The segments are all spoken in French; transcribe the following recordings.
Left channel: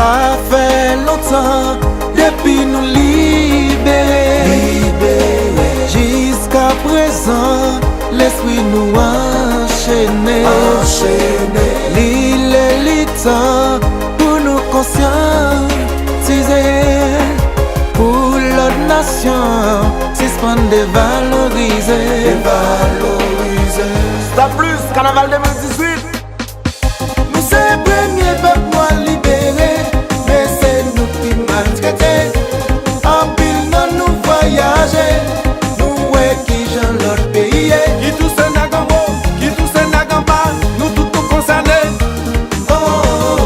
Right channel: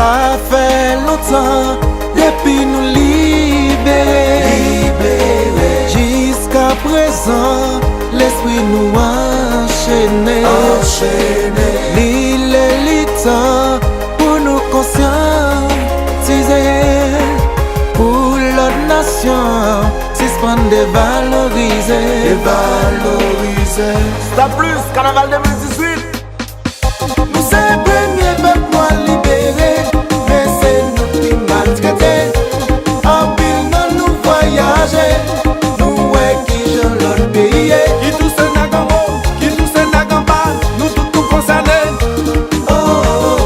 Ça fait longtemps depuis nous libérer. Jusqu'à présent, l'esprit nous enchaîné. L'île est le temps pour nous conscientiser. Pour l'autre nation, suspendre dévaloriser. Stop plus, carnaval 2018. Nous c'est le premier peuple à libérer, mais c'est nous qui maltraités. En pile non nous voyager, nous ouais qui j'en l'autre pays. Qui tous est Nagambo, qui tous est Nagamban, nous tout concernés.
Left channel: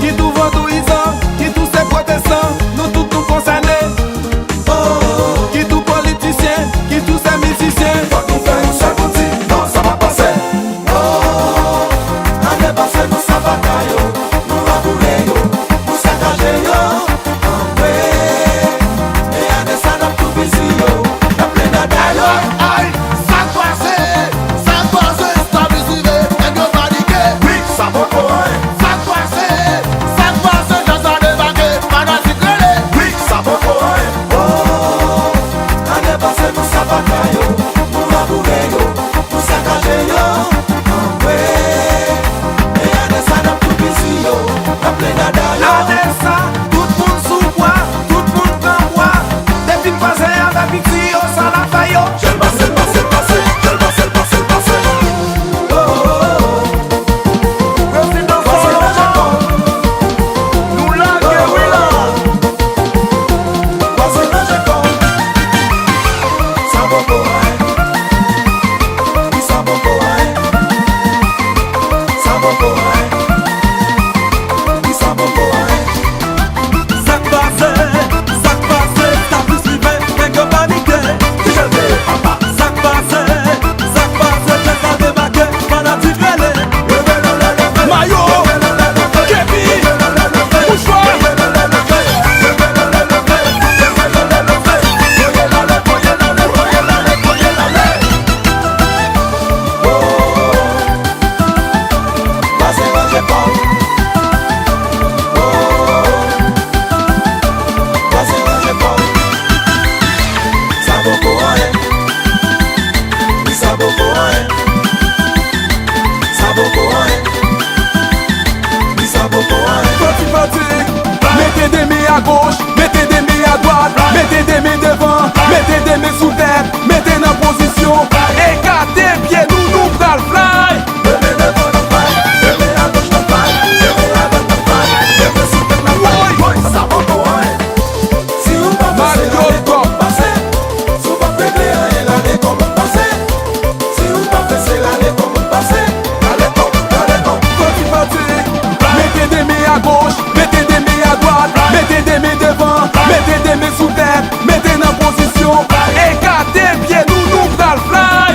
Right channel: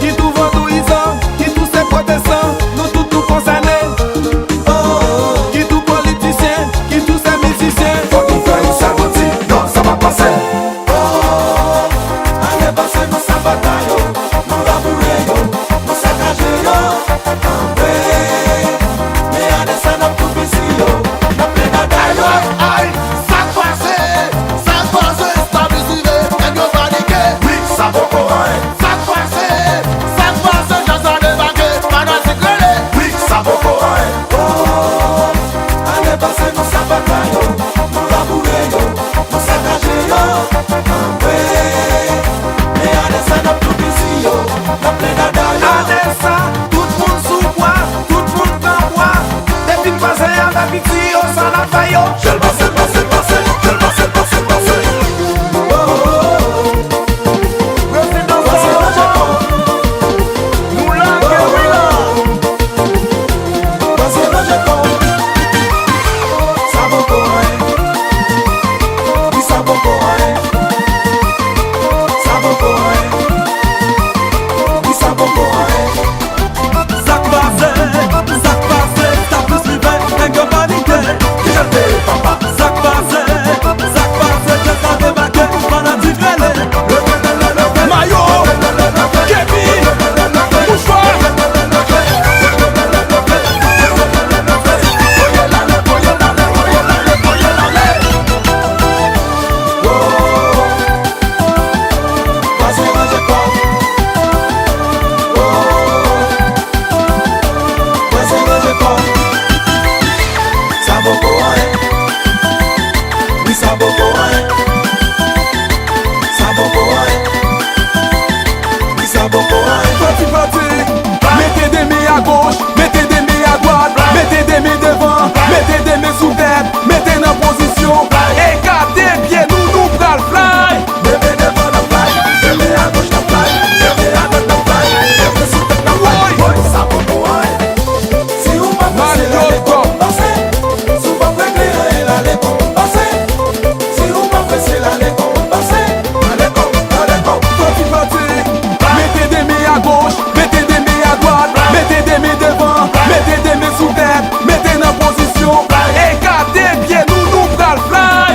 Qui tout vendouisant, qui tous est protestants, nous tout concernés. Qui tout politicien, qui tous est musicien. Faut nous faire une sabotie, non ça va passer. Mettez des mains à gauche, mettez des mains à droite, mettez des mains devant, mettez des mains sous tête, mettez en position, écartez pieds, nous pral fly. Mettez des mains à gauche, mettez des mains à droite, mettez des mains devant, mettez des mains sous tête, mettez en position, écartez pieds, nous pral fly.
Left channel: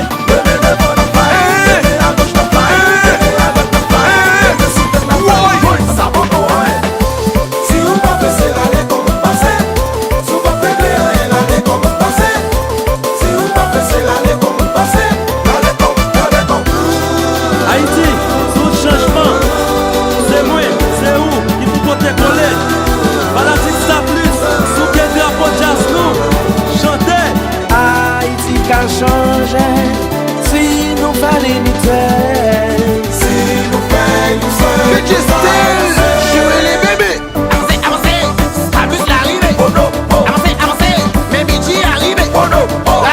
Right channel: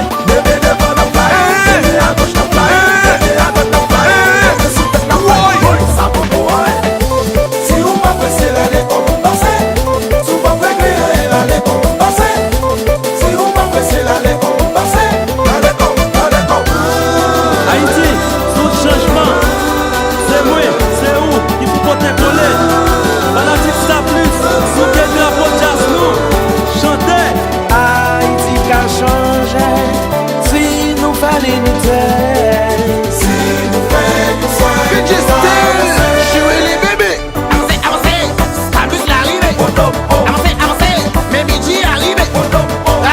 Haïti, sous changement, c'est moi, c'est où, il faut porter coller. Fanatique ça plus, sous quel drapeau jazz nous, chanter. Haïti qu'a changé, si nous fallait nous taire. Jouer les bébés. Avancez, Stabus l'arrivée. Avancez, mais Bidji arrivé.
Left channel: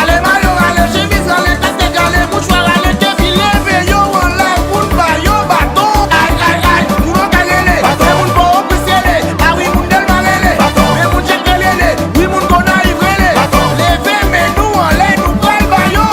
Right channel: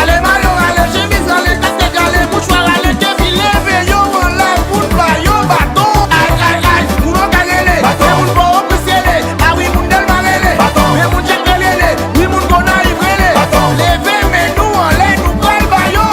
Allez maillot, allez chemise, allez casquette, allez mouchoir, allez kepi, levez yo en l'air, pour pas yo bâton. Aïe, moun on gagne les, mais moun pas apprécier les. Ah oui, moun del barrele, mais moun check les, oui moun qu'on arrive les. Levez mais nous en l'air, nous pral bayo.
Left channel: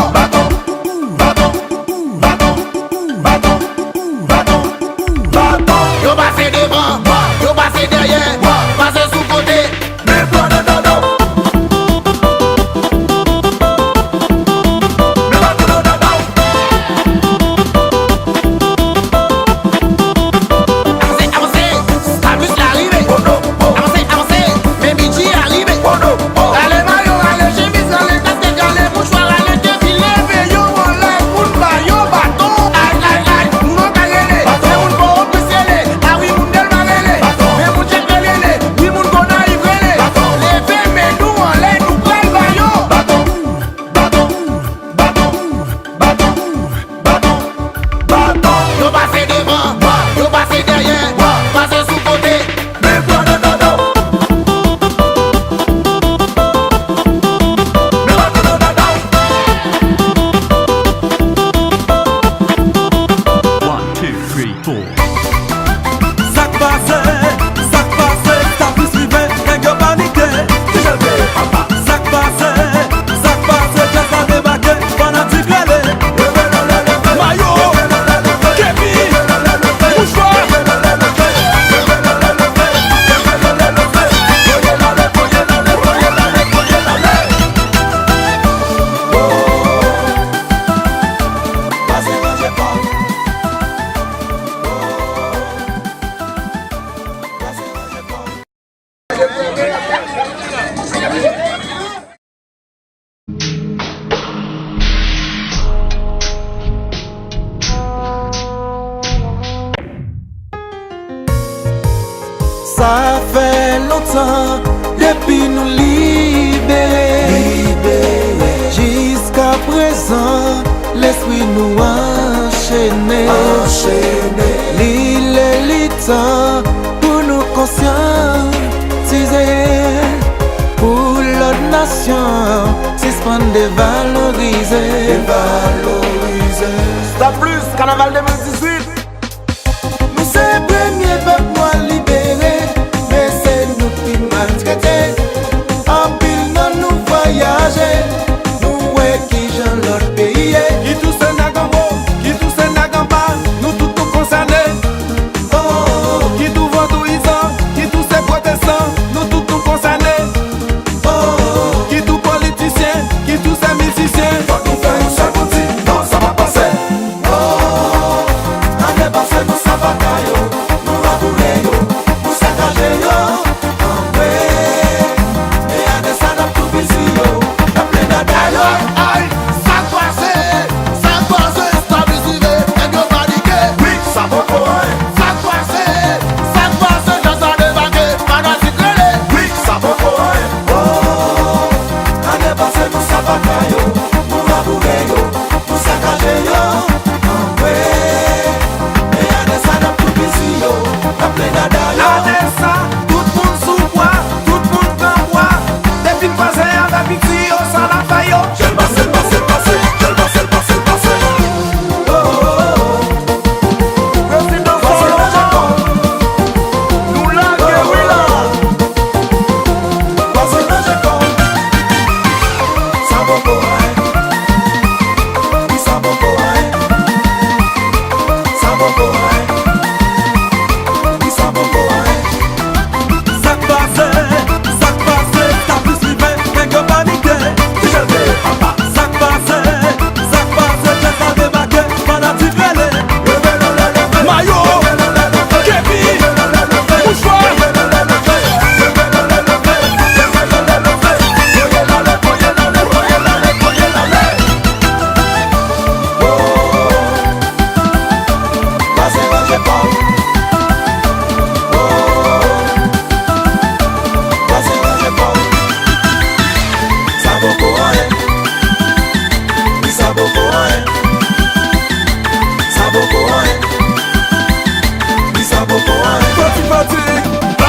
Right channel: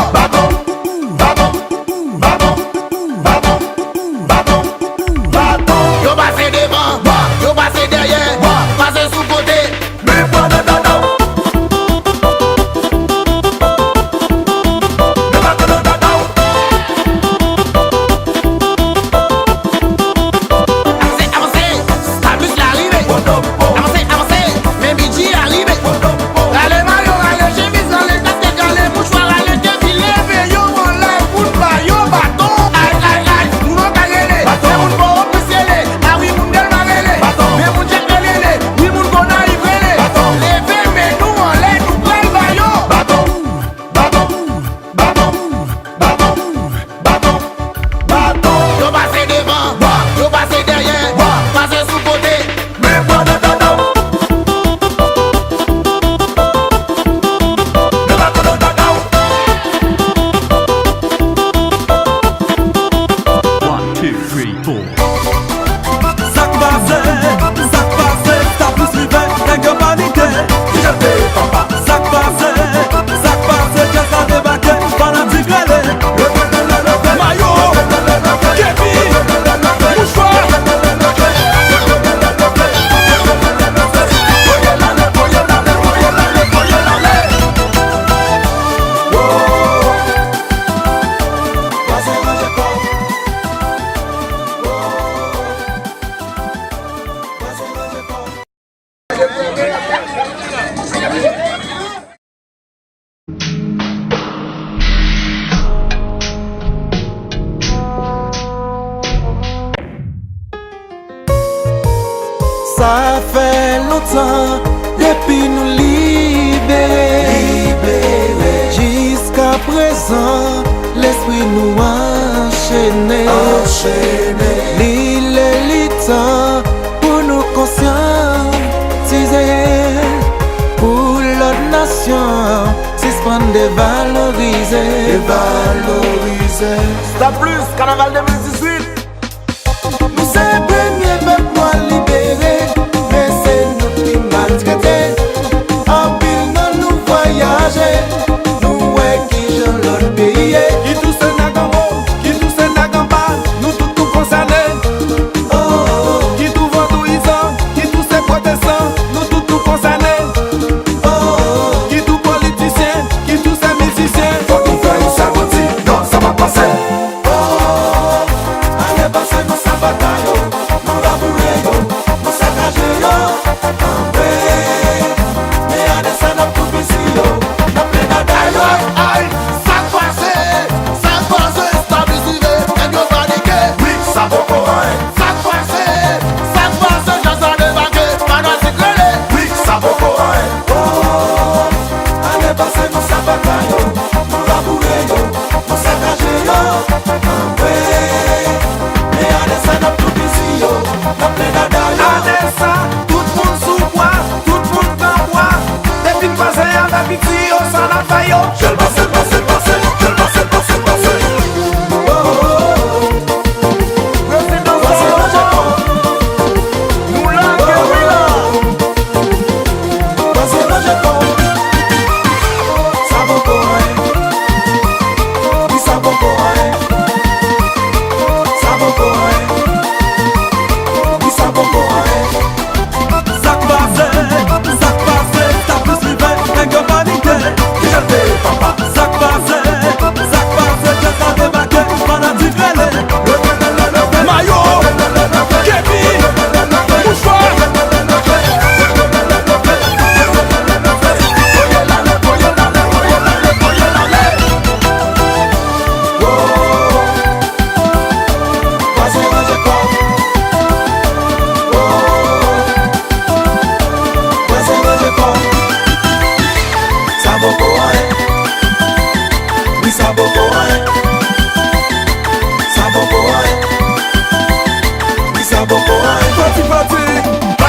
Ça fait longtemps depuis nous libérer. Jusqu'à présent, l'esprit nous enchaîné. L'île est le temps pour nous conscientiser. Pour l'autre nation, suspendre dévaloriser. Stop plus, carnaval 2018. Nous c'est le premier peuple à libérer, mais c'est nous qui maltraités. En pile non nous voyager, nous ouais qui j'en l'autre pays. Qui tout se n'a qu'en haut, qui tout se n'a qu'en bas, nous tout concernés. Qui tout vendouisant, qui tout se protestants, nous tout concernés. Qui tout politicien, qui tout se musicien. Faut nous faire une sabotie, non ça va passer.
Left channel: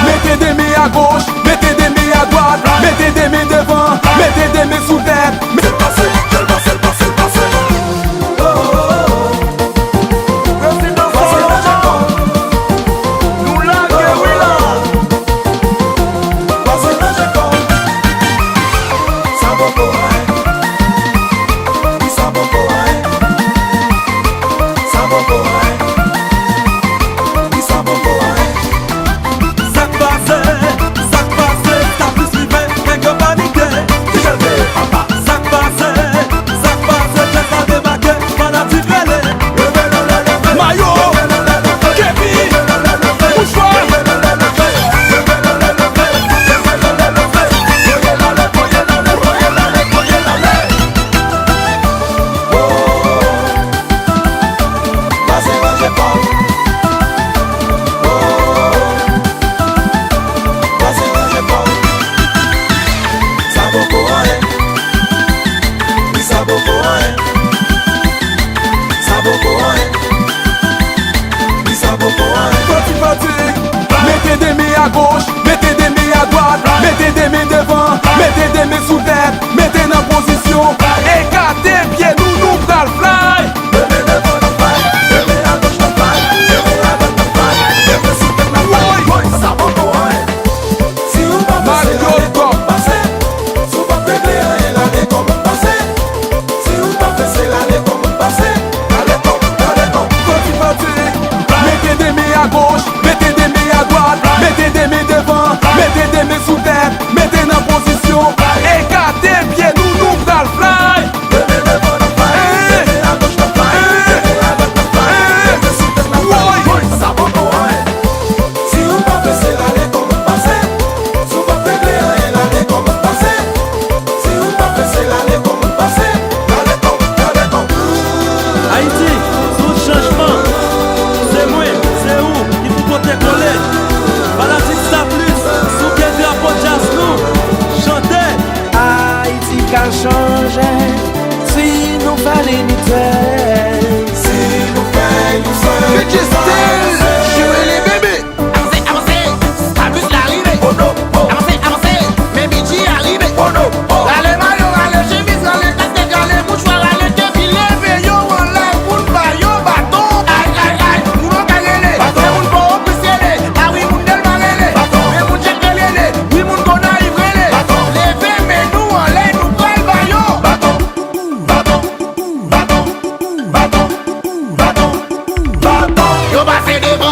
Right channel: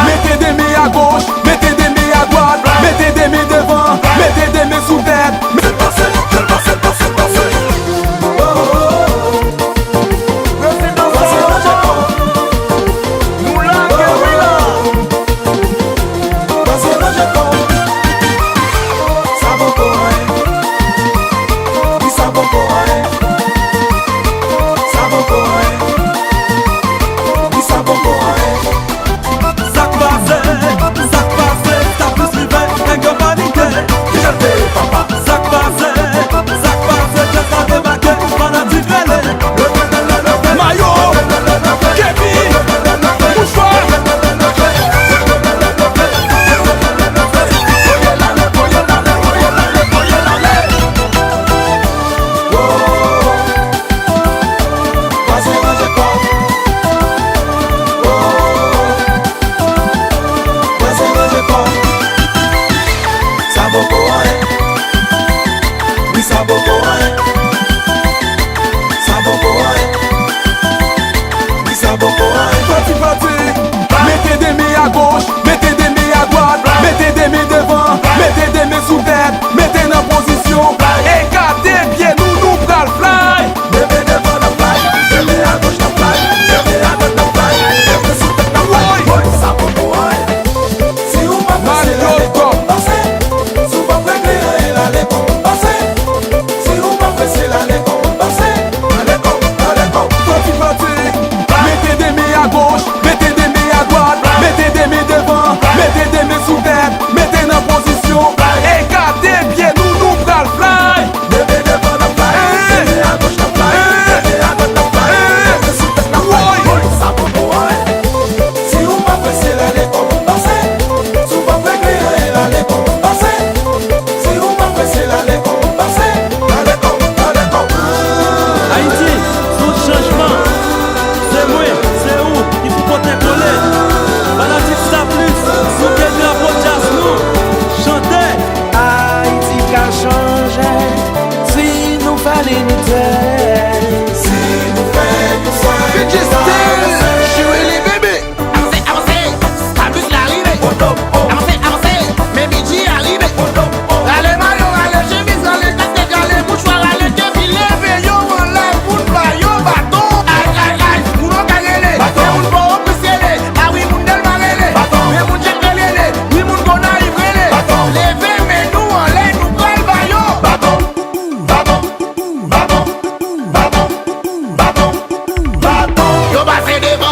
Mettez des mains à gauche, mettez des mains à droite, mettez des mains devant, mettez des mains sous tête. Président Salomon, nous la guérilla. Mettez des mains à gauche, mettez des mains à droite, mettez des mains devant, mettez des mains sous tête, mettez en position, écartez pieds, nous pral fly. Mettez des mains à gauche, mettez des mains à droite, mettez des mains devant, mettez des mains sous tête, mettez en position, écartez pieds, nous pral fly. changer si nous fallait nous Bitches still, jouer les bébés. Avancez, avancez, Stabus l'arrivée. Avancez, avancez, mes midis arrivés. Râle maillot, râle chemise, râle casquette, râle mouchoir, râle kepi, leve yo en live, moun ba yo bâton. Aïe, aïe, aïe, moun on kagele, mais moun pas officiel. Ah oui, moun del marele, mais moun check relele, oui moun qu'on arrive relé. Levez, mais nous en l'air, nous pral ba yo. Yo passez devant.